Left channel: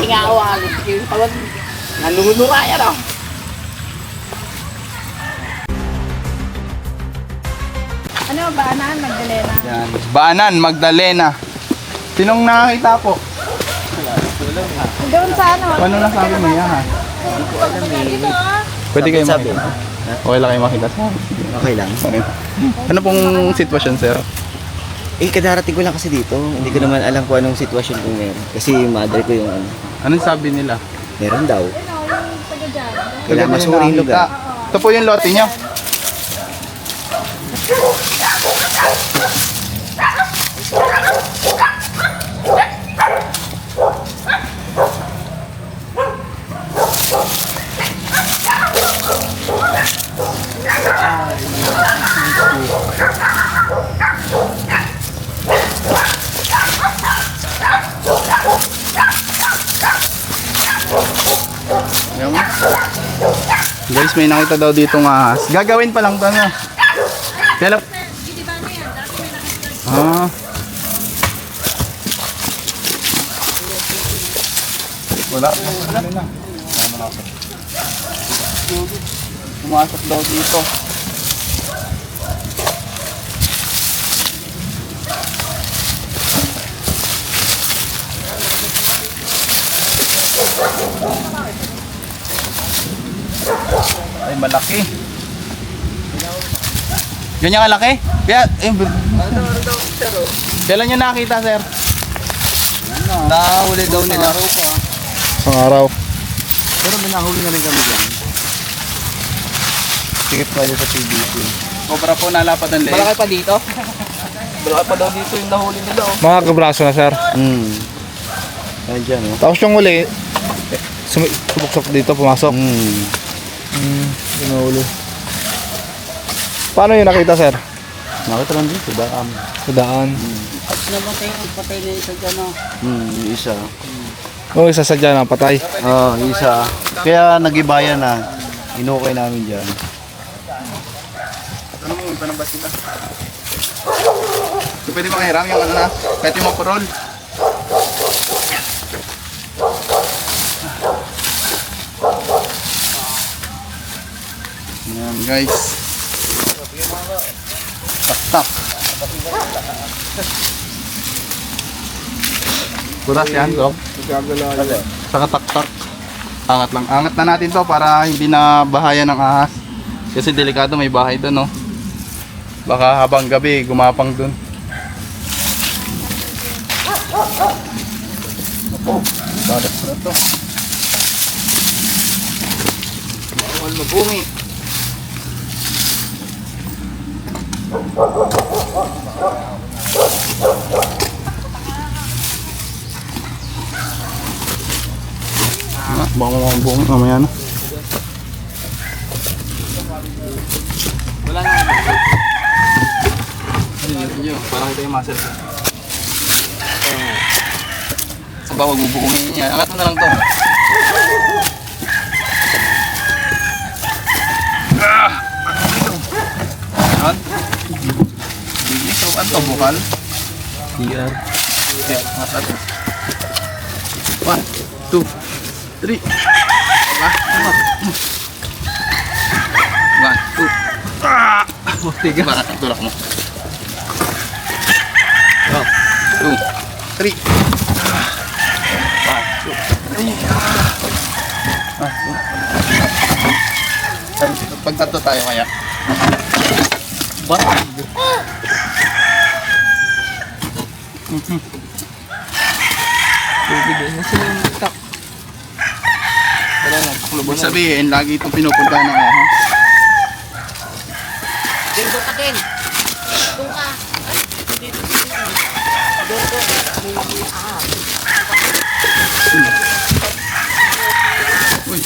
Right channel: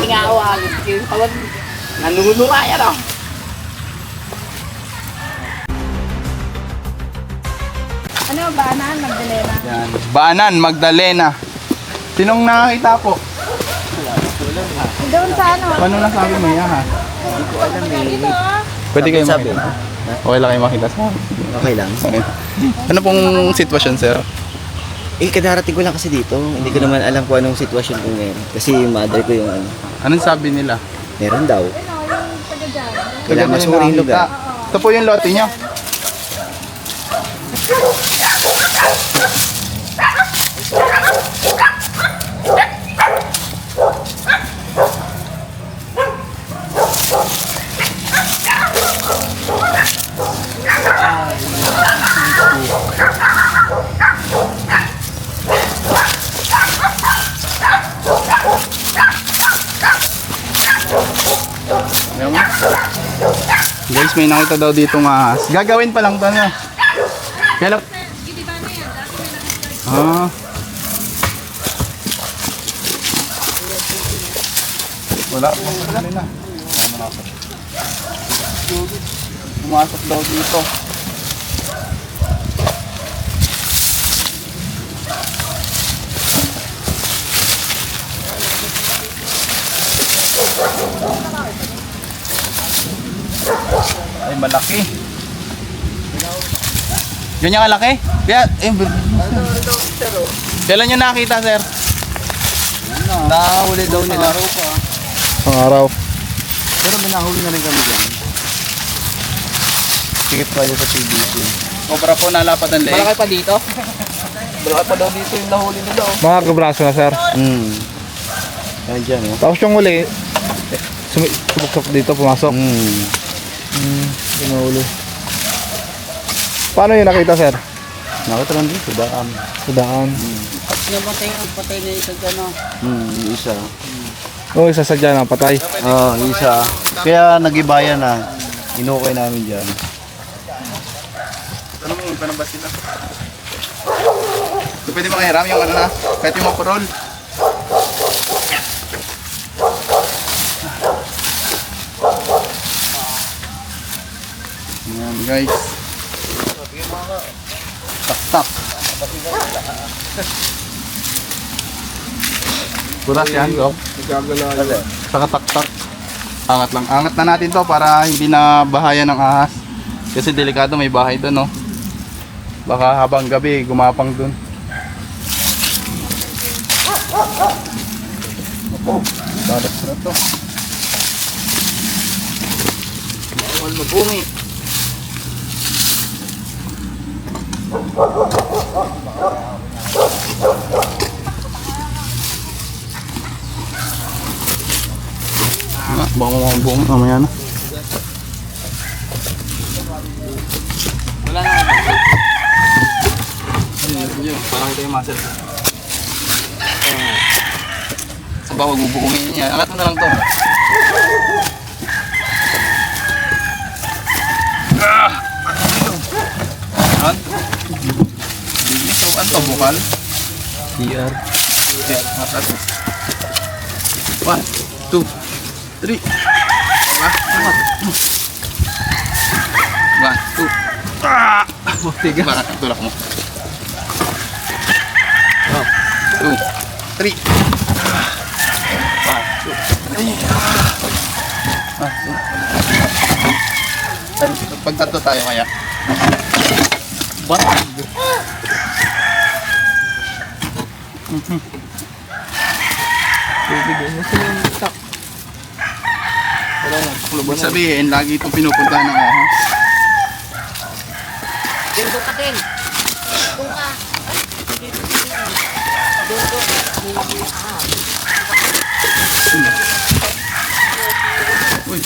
Tingawalit yung pagod. Nanunura yan oh. Ano, Baanan, Magdalena? Yan. Baanan, Magdalena. Sinong nakakita po? Doon sa ano? Paano nasabi mo yan ha? Dito ah. Pwede kayo Sabi. makita. Okay lang kayo makita. Okay lang. Ano pong sitwasyon, sir? Eh, kadarating ko lang kasi dito. Hindi ko naman alam kung anong sitwasyon kung meron. Kasi yung mother ko yung ano, Anong sabi nila? meron daw. Ano, yung taga dyan. Kailangan masuri yung lugar. Ito po yung lote nyo. Ayan mo. Guys, may nakita daw dito ng ahas. Gagawin pa lang to na. Kaya lang. Ah. Wala. Wala na. Pumasok daw dito. Ay, malaki. Ganyan kalaki? Kaya, kailan nyo nakita, sir? Nakahuli daw nila. Pang araw. Pero may nahuli na rin kami dyan. Sikip pa sa PBC. Obra po nalapat ang leeg. Malaki pa dito. Malaki pa daw dito yung nahuli nila oh. Mga kabraso na, sir. Yan dyan, oh. Tapos yung uli, subok dito, pumasok. Pinaulo. Paano yung nakita, sir? Nakita lang dito, daan. Sa daan. Patay na isa dyan oh. Yung isa. Oo, isa sa dyan, patay. Yung isa. Kaya nag-ibaya na. Inukay namin dyan. Ano mo, paano ba sila? So, pwede makahiram yung ano na, kahit yung makurol. Ayan guys. Tak-tak. Buras yan, Rob. Saka tak-tak. Angat lang. Angat na natin to para hindi na bahayan ng ahas. Kasi delikado, may bahay doon, no? Baka habang gabi, gumapang doon. Oh, balat na to. Bawal mabungi. Baka mabungi mamaya na. Wala na. Hindi, parang ito yung muscle. Sa bawag bubuungin niya. Angat mo na lang to. Yan. So, ano to? Bukal? PR. Okay, matas. 1, 2, 3. Diba? 1, 2. Ah! Tiga. Bakit? Tulak mo. 2, 3. 1, 2, 3. 1, 2. Pag tatlo tayo kaya. What? Ibig sabihin, lagi itong pinupuntahan ng ahas. Dito ka din. Doon ka. Uy.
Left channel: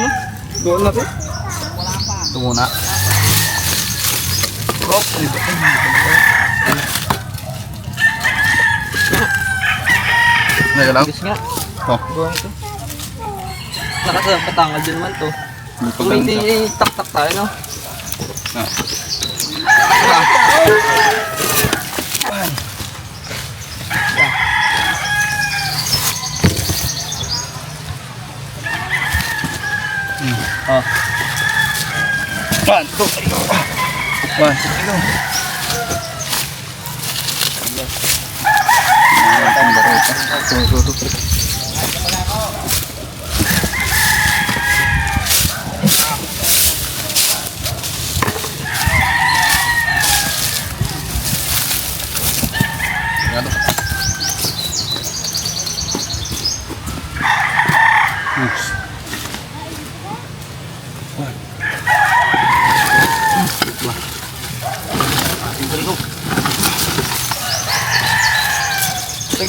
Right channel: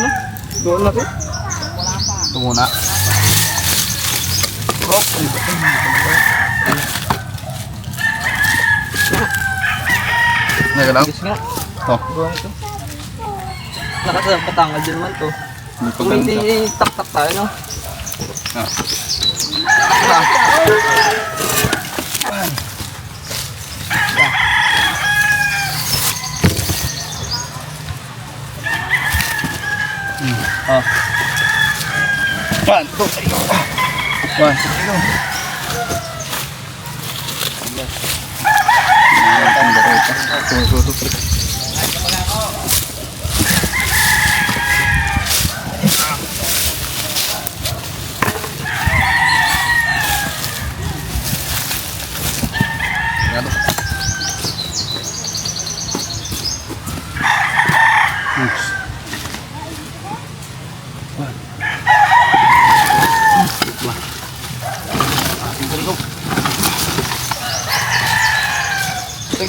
ano? Doon na, Ito muna. Oh, Nagalaw? Yes nga. Oh, Buwan ito. Nakatanggal din man to. hindi pa Kung ganun hindi sa... tak-tak tayo, no? Ah. Oh. 1, 2, 3. 1, 2, 3.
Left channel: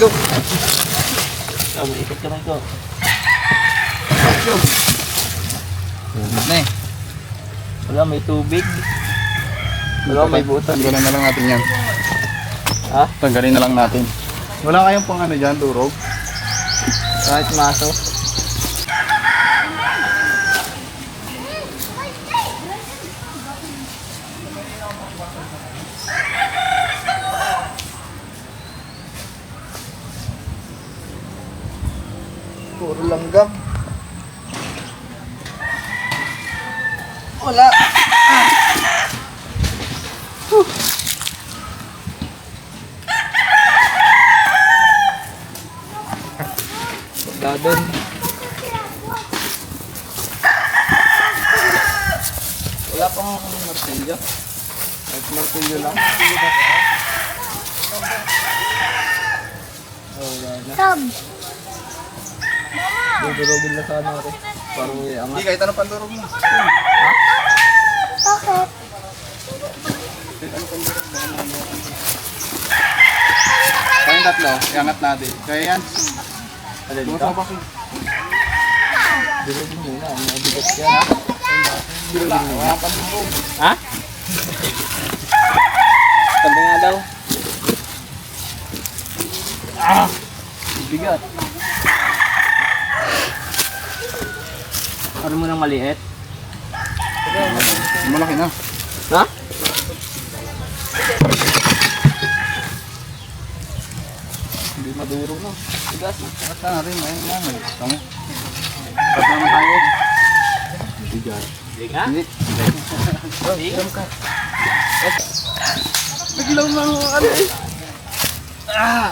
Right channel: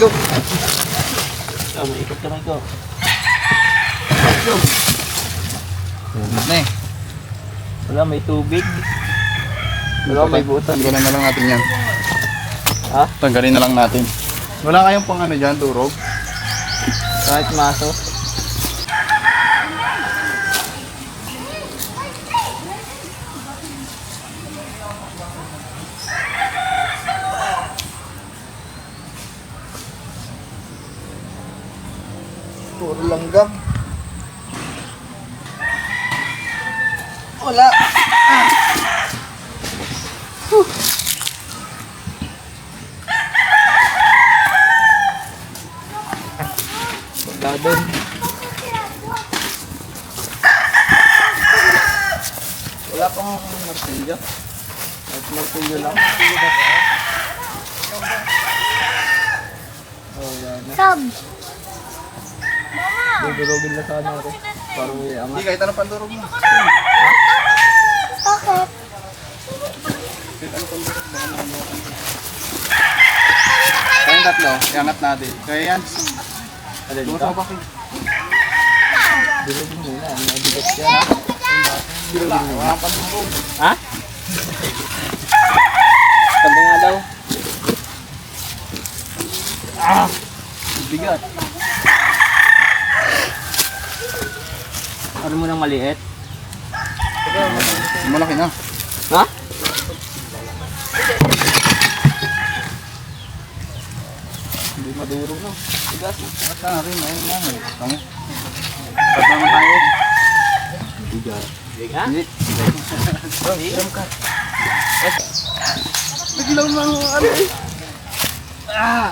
Go. Oh, may ikot kamay ko. Na eh. Wala, may tubig. Wala, may butas. Tanggalin na lang natin yan. Ha? Tanggalin na lang natin. Wala kayong pang ano dyan, turog? Kahit maso. Puro langgam. Wala. Wala doon. Wala pang martilyo. Kahit martilyo lang. Oh, wala na. Dudurugin na sana rin. Parang may Hindi, angat. kahit anong pandurog mo. Ha? Kayong tatlo, iangat natin. Kaya yan. Alin Bukas ka? mo pa kayo. Durug mo muna. May bigat yan, ha? Wala, walang pandurog. Ha? Sabi nga daw. Ah! Bigat. Ano mo nang maliit? Malaki na. Ha? Hindi madurog na. Bigas. Bakit na rin? Ayun na. Tama. Ba't naman tayo? Bigat. Ha? Hindi. Biglang mga ano eh. Ah!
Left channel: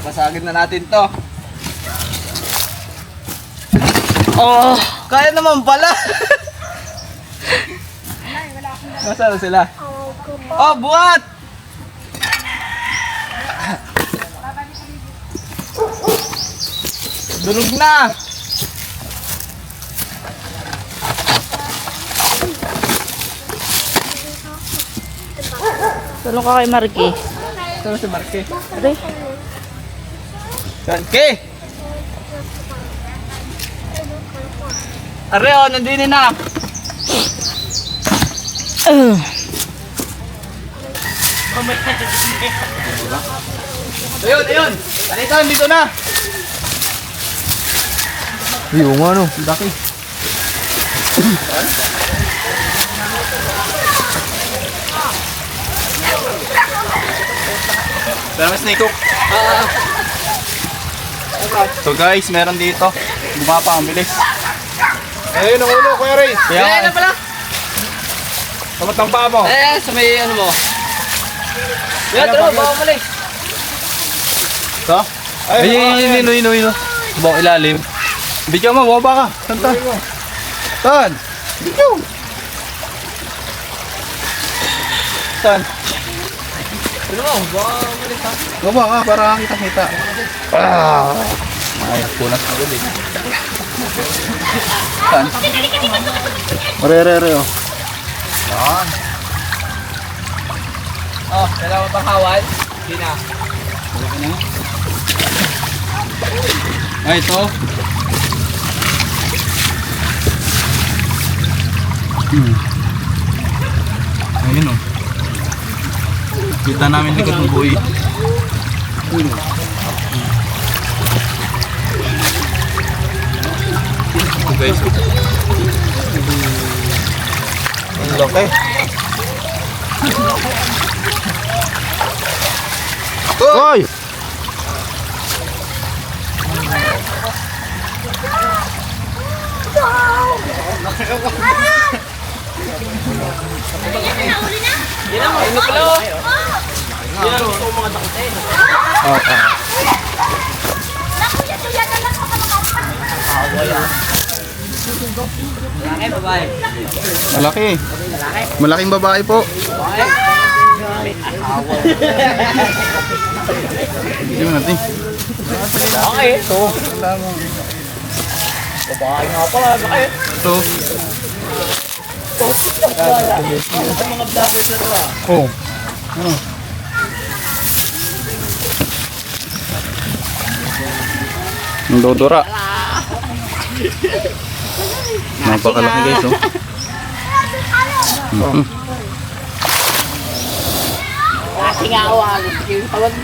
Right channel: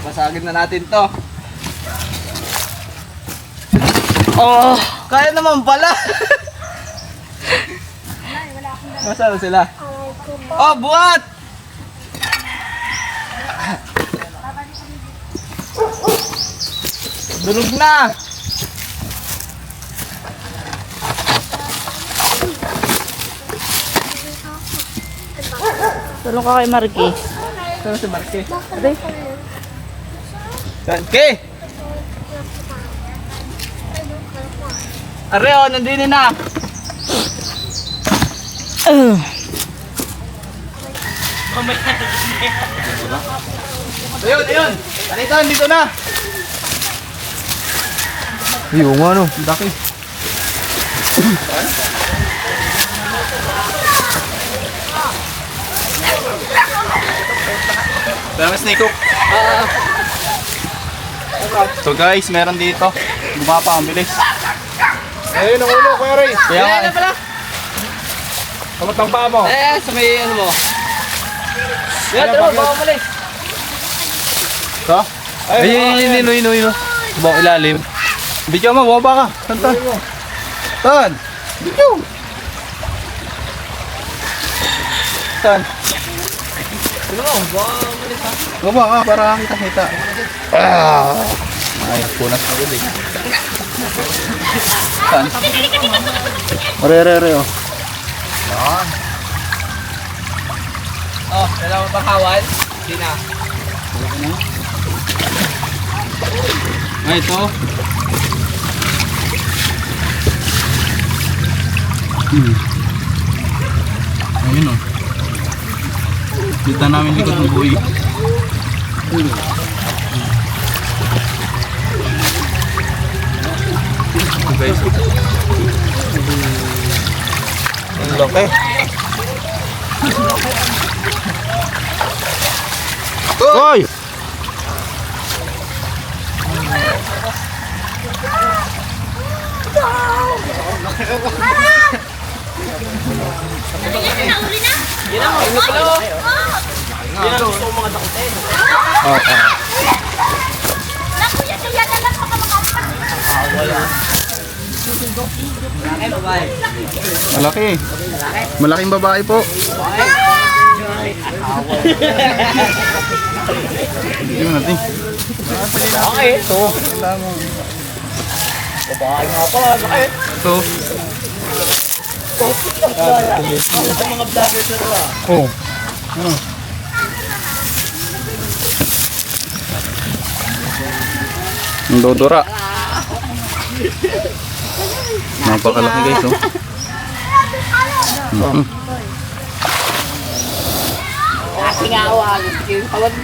Basagin na natin to. Oh! Kaya naman pala! Nasaan sila? Oh, buhat! Durog na! Tulong ka kay Marky. Saan si Marque? Aray. Marque! Areo, nandini na! Ayun, ayun! Kanito, dito na! Yung ano. Laki. Pero mas snake hook. So guys, meron dito. Gumapa ang bilis. Ayun ang ulo, Kuya Ray. Kaya nga Ayan na pala! Kamat ang paa mo. Eh, sa may ano mo? Yan, taro, baka mali. So, Ayun. bawang ilalim. Video mo, bumaba ka. Tantan. Tan. Video. Tan. Ano mo? Baka mali ha? Bumaba ka para kita-kita. Ah. Ay, punas na ulit. Tan. Ore, oh. Yan. Oh, dalawa pang hawan. Hindi na. Ay, ito. Ayun o. Kita namin likod ng buhay. Guys, ang laki. Hoy! Malaki. Malaking babae po. Hindi mo natin. Okay, ito. Babae nga pala, bakit? Ito. Oh. Ano? Ang dodora. Napakalaki guys, oh. Kasi nga ako, yung tawag,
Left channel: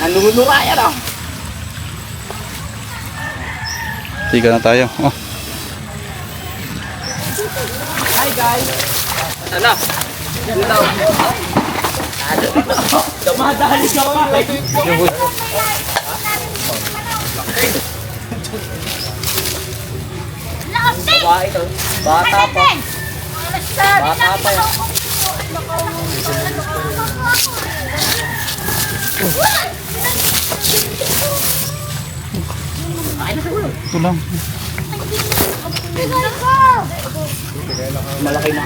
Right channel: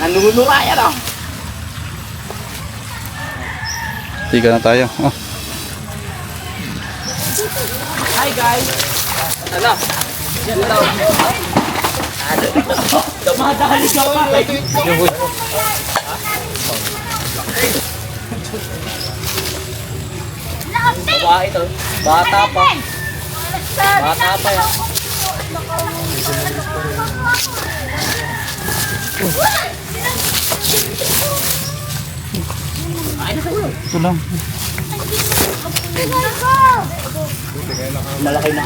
nanunura yan oh. Tiga na tayo. Oh. Ano? Dumadali ka pa. Babae ito. Bata pa. Bata pa. Ito lang. Malaki na.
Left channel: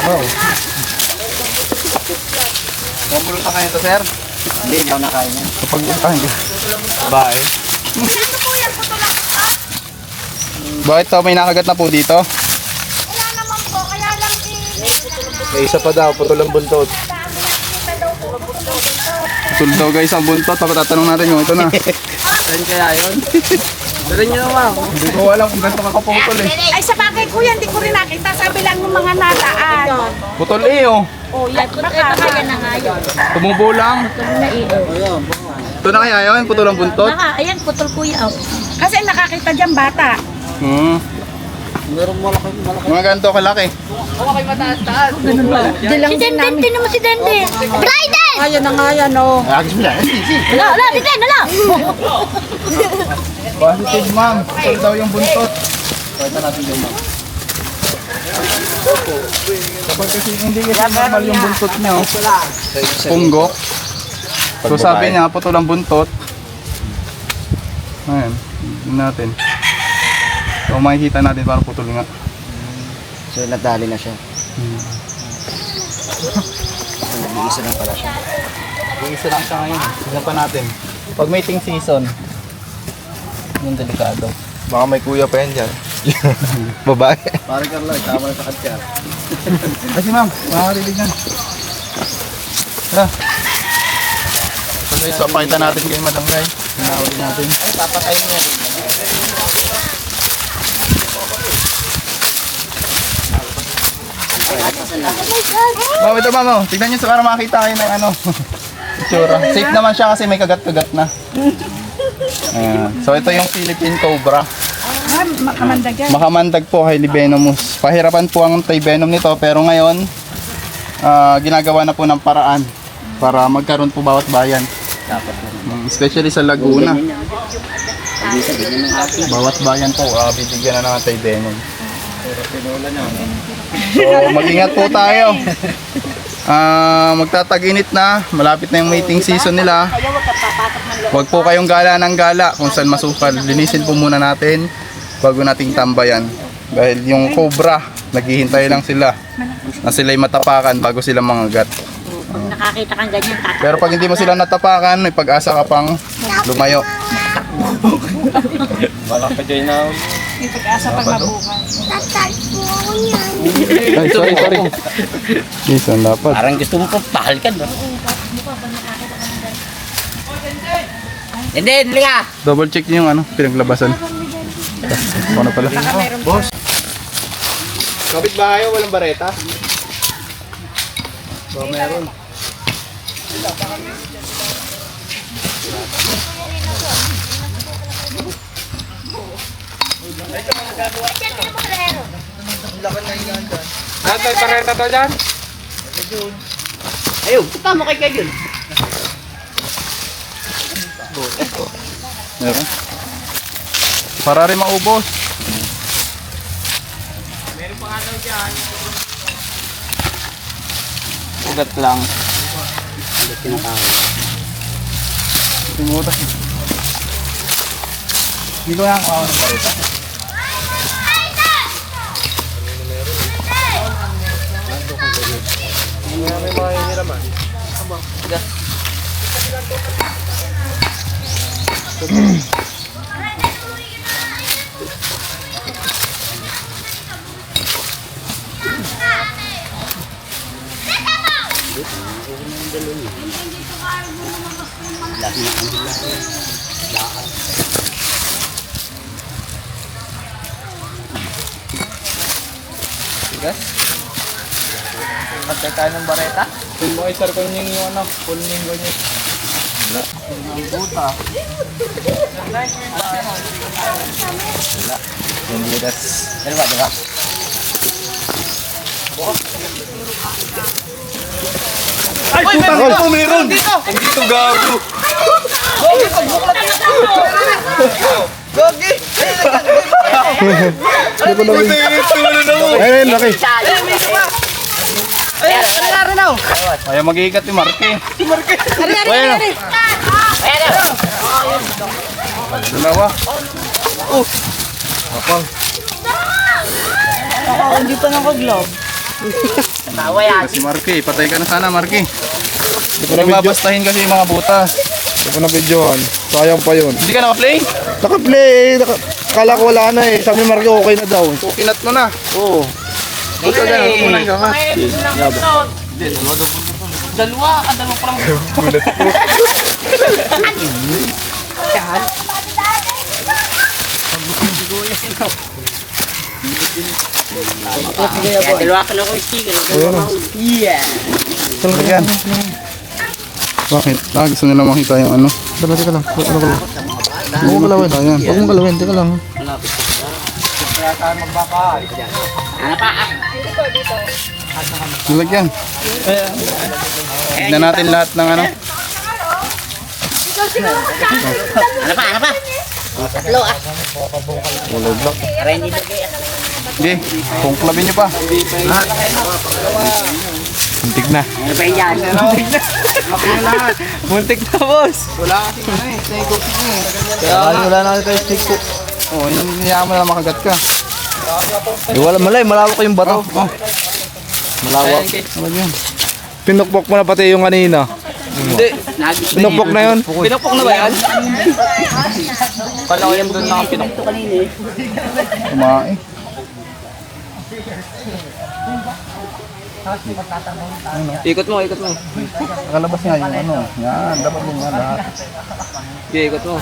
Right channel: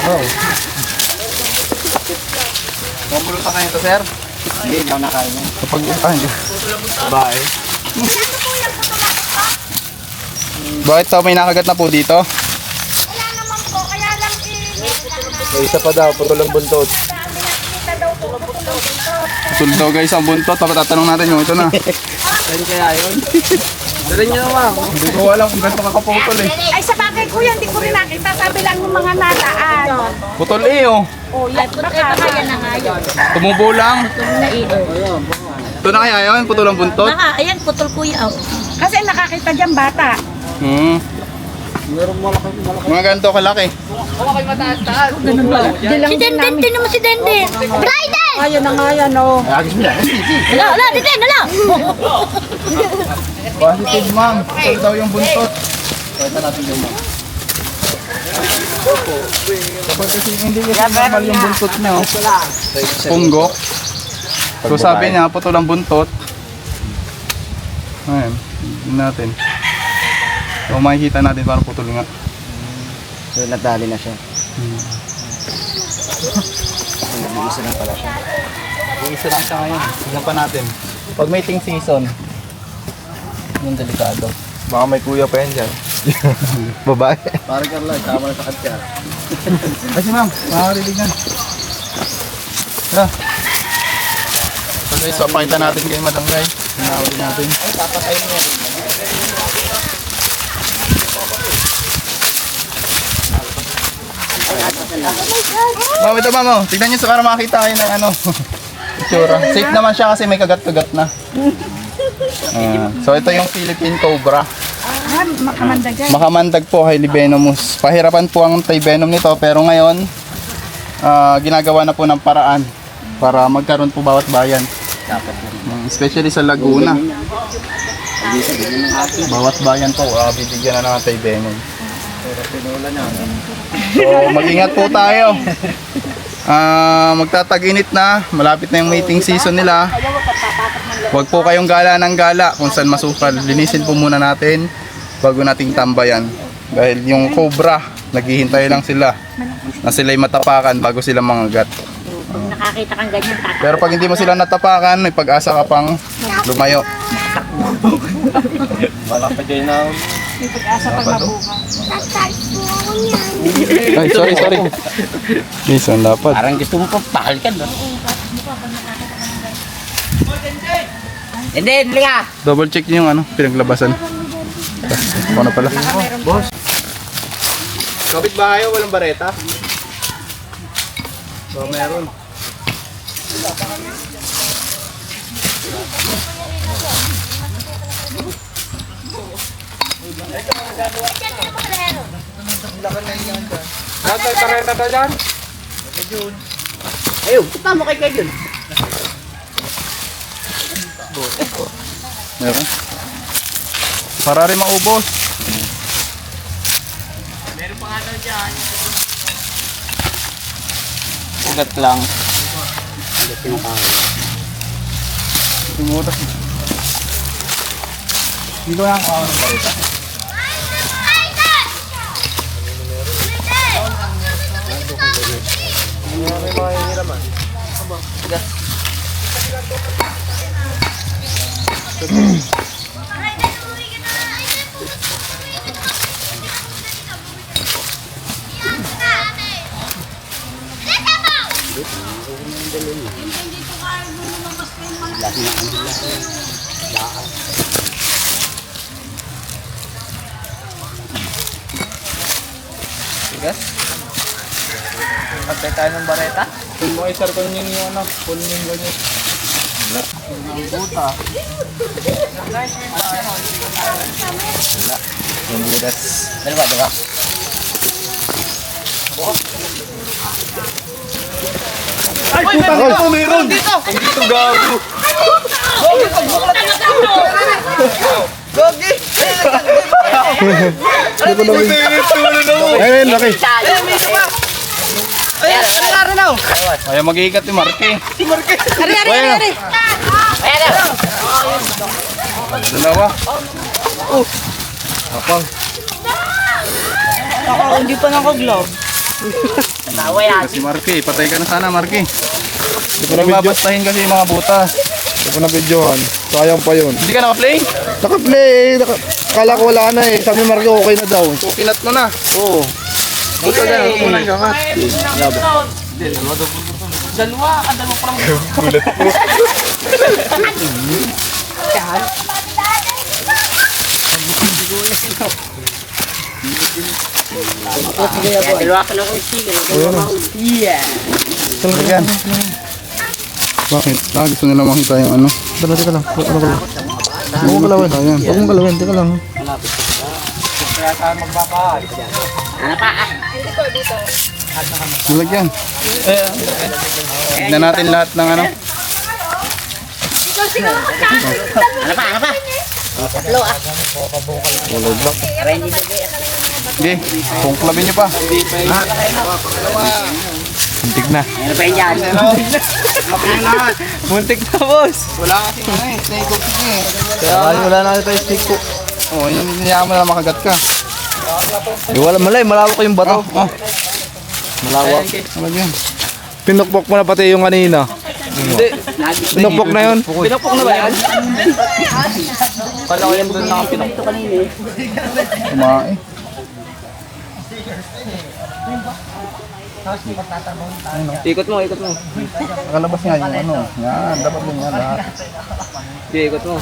Wow. Mabulo pa kayo ito, sir? Hindi daw nakain. Kapag Bye. Bakit to? May nakagat na po dito? Wala naman po, kaya lang May isa pa daw, putol ang buntot. kita daw po. Putol daw guys ang buntot. Tatanong natin yung ito na. Saan kaya yun? Saan nyo naman? Hindi ko alam kung ganito kakaputol eh. Ay, sa bagay kuya, hindi ko rin nakita. Sabi lang ng mga nataan. Putol eh oh. Oh, yan. Baka yan na nga yun. Tumubo lang. Na iyo. Ito na kaya yun? Putol ang buntot? Ayan, putol kuya. Oh. Kasi nakakita dyan bata. Mga ganito kalaki. Okay, mataas-taas. Si Denden, tinan mo si Denden. Bryden! Ayan na nga yan, oh. Ala, Denden, ala! Positive ma'am. Putol daw yung buntot. Pakita natin yung ma'am. Kapag kasi hindi kasi normal yung buntot niya. Oh. Punggo. So sabi niya, putol ang buntot. Ayan. Tingnan natin. So makikita natin parang putol nga. So nadali na siya. Isa na pala siya. Isa lang siya ngayon. Tingnan pa natin. Pag mating season, yung delikado. Baka may kuya pa yan dyan. Babae. Parang Carla, tama na sa katya. Kasi ma'am, makakarilig na. Tara. So guys, papakita natin kay Madam Guy. Hinahuli natin. Ma'am, ito ma'am, oh. Tignan nyo sa para makakita kayo ng ano. Itsura. Safe naman siya kasi may kagat-kagat na. So ito yung Philippine Cobra. Makamandag yan. Makamandag po kay Venomous. Pahirapan po ang anti-venom nito pero ngayon ginagawa na po ng paraan para magkaroon po bawat bayan. Especially sa Laguna. Bawat bayan po bibigyan na ng anti-venom. So mag-ingat po tayo. Magtatag-init na, malapit na yung mating season nila. Huwag po kayong gala ng gala kung saan masukal. Linisin po muna natin bago nating tambayan. Dahil yung cobra, naghihintay lang sila na sila'y matapakan bago sila mangagat. Nakakita kang ganyan. Pero pag hindi mo sila natapakan, may pag-asa ka pang lumayo. Malaki din na. May pag-asa pag mabuka. Ay, sorry. Minsan dapat. Parang gusto mo pa pakalikan doon. Hindi, liga. Double check niyo yung ano, pinaglabasan. bareta. Ano pala? Boss. Kapit ba kayo? Walang bareta? So, meron. Lahat may pareta to dyan? Ayun, kita mo kay Kevin. Meron. Para rin maubos. Ugat lang. Tumutas. Dito lang. Tigas. Pagkay tayo ng bareta. Kung mo isar ko yung ano, pulning ko nyo. Buta. Yung butas. Dalawa, dalawa. Ay, putang ina, meron! Dito! Dito, gago! Gogi! Pagbuklat na ito! Gogi! Hindi ko namin. Ayun, laki. Ayan, ano nga rin ako? Ayaw mag-iigat ni Marky. Ayun. Dalawa. Hindi pa naka-glove. Tawa yan. Si Marky, patay ka na sana Marky. Hindi ko na video. Babastahin kasi yung mga butas. Hindi ko na videohan. Sayang pa yun. Hindi ka naka-play? Naka-play. Kala ko wala na eh. Sabi Marco okay na daw. Kukinat mo na. Oo. Huwag ka ganun, huwag mo nang gangat. Yan. Bakit? Gusto nila makita yung ano? Dala, teka lang. Ano ko lang. Huwag mong galawin. Huwag mong galawin. Teka lang. Nilagyan. Tignan natin lahat ng ano. Walay block. Hindi, kungklabin nyo pa. Muntik na. Muntik na, boss. Wala na tayo stick ko. Oo, nangyayaan mo na makagat ka. Wala malay. Malawak yung bato. Malawak. Pinukpok mo na pati yung kanina. Pinukpok na yun. Pinapok na ba yan? Kala ko yan doon nakakinok kanina eh. Kumain. Ikot mo, ikot mo. Nakalabas nga yung ano. Yan, dapat din yan lahat. Hindi, ikot mo.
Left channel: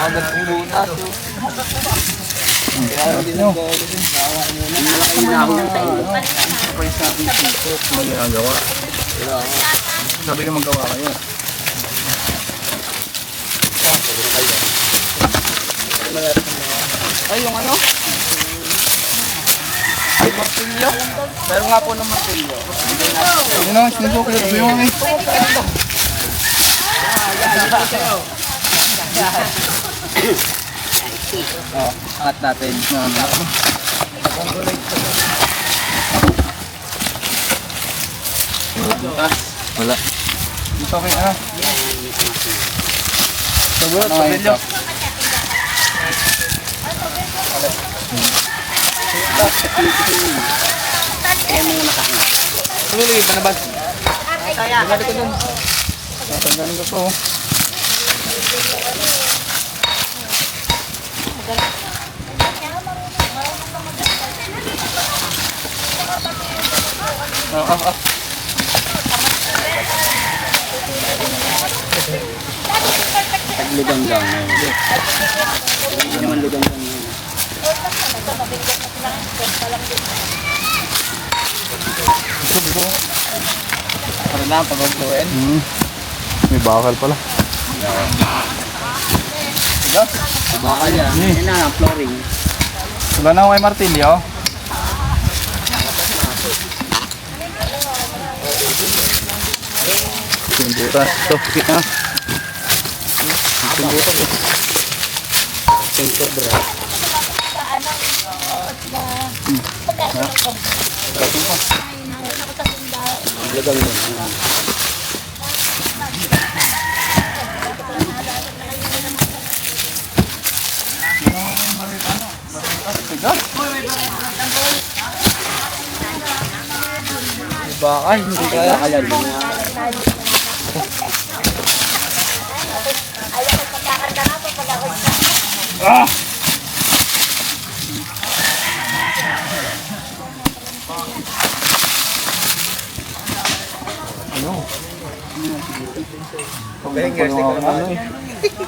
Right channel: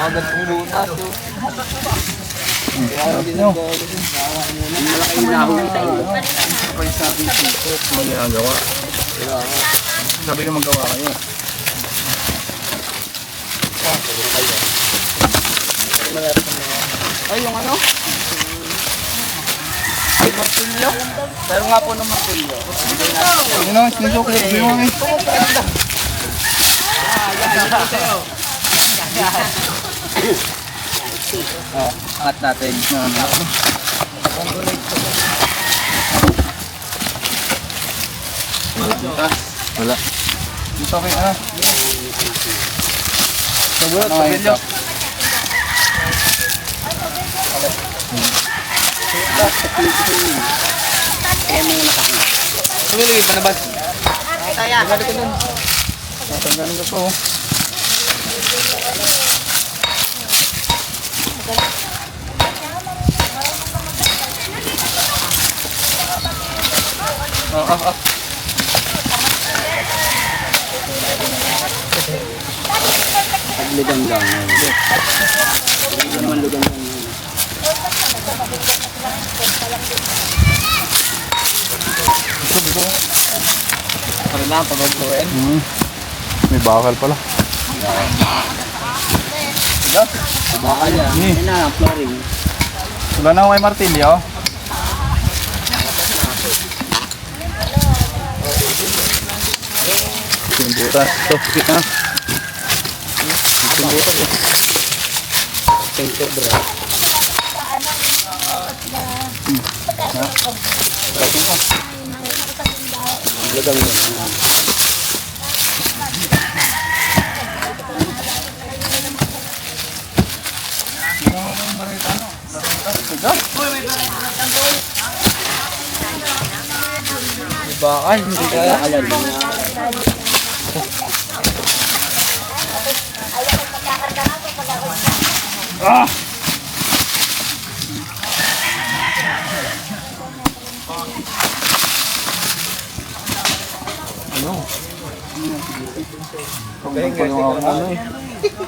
Agad ang butas. Nyo. Malaki yung nahuli tayo. Sabay sa ating sipot. Magagawa. Sabi ko magawa kayo. Ay, yung ano? Ay, martilyo. Pero nga po ng martilyo. Sige na, sinusok. Sabi mo kami. Angat natin. Butas. Wala. Dito kay ano? Sabot, Ano ngayon, martilyo. Sok? Pumili ka na ba? Bumalik ko dun. Tatanggalin ko to. Para na, pag-uploadin. May bakal pala. Baka yan. Yan na, flooring. Wala na ako may martilyo. Yung butas. Ito, kita. Baka, hindi kaya.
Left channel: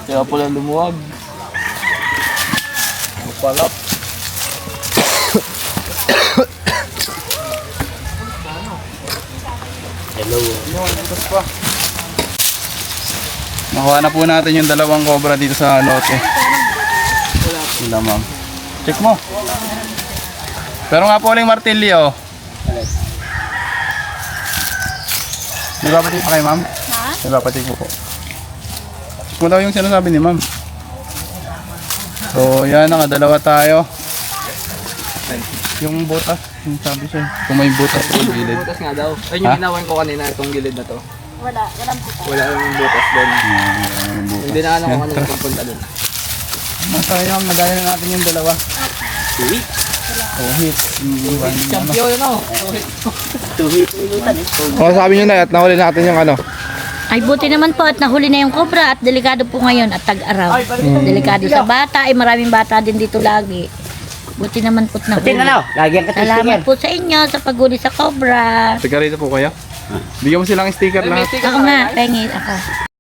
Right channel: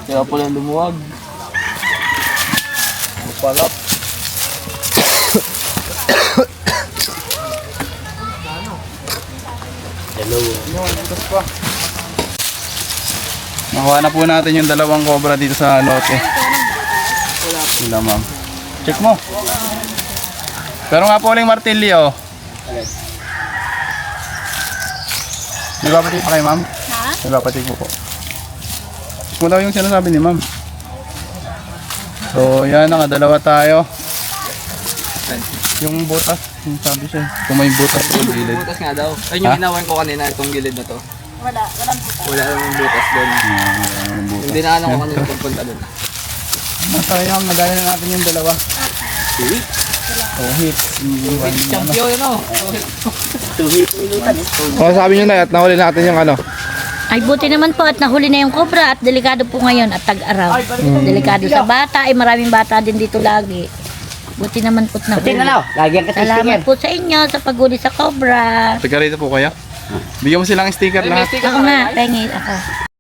Kaya pala lumuwag. Mapalap. Nakuha na po natin yung dalawang cobra dito sa lote. Wala ma'am. Check mo. Pero nga po uling martilyo. Nagpapatik pa kayo ma'am? Ha? Nagpapatik po po. Check mo daw yung sinasabi ni ma'am. So yan, nakadalawa tayo. Yung butas, yung sabi siya. Kung may butas sa gilid. Butas nga daw. Ayun Ha? yung ginawan ko kanina, itong gilid na to. Walang butas doon. Yung butas. Hindi na ano Yan, kung ano tara. pupunta doon. Masayang, nadali na natin yung dalawa. Oh, hit. Champion ano? Kung sabi nyo na at nahuli natin yung ano. Ay, buti naman po at nahuli na yung cobra at delikado po ngayon at tag-araw. Delikado sa bata, ay maraming bata din dito lagi. Buti naman po't nahuli. Lagyan ka Salamat po sa inyo sa paghuli sa cobra. Taga rito po kayo. Bigyan mo silang sticker na. Ako nga, pengil ako.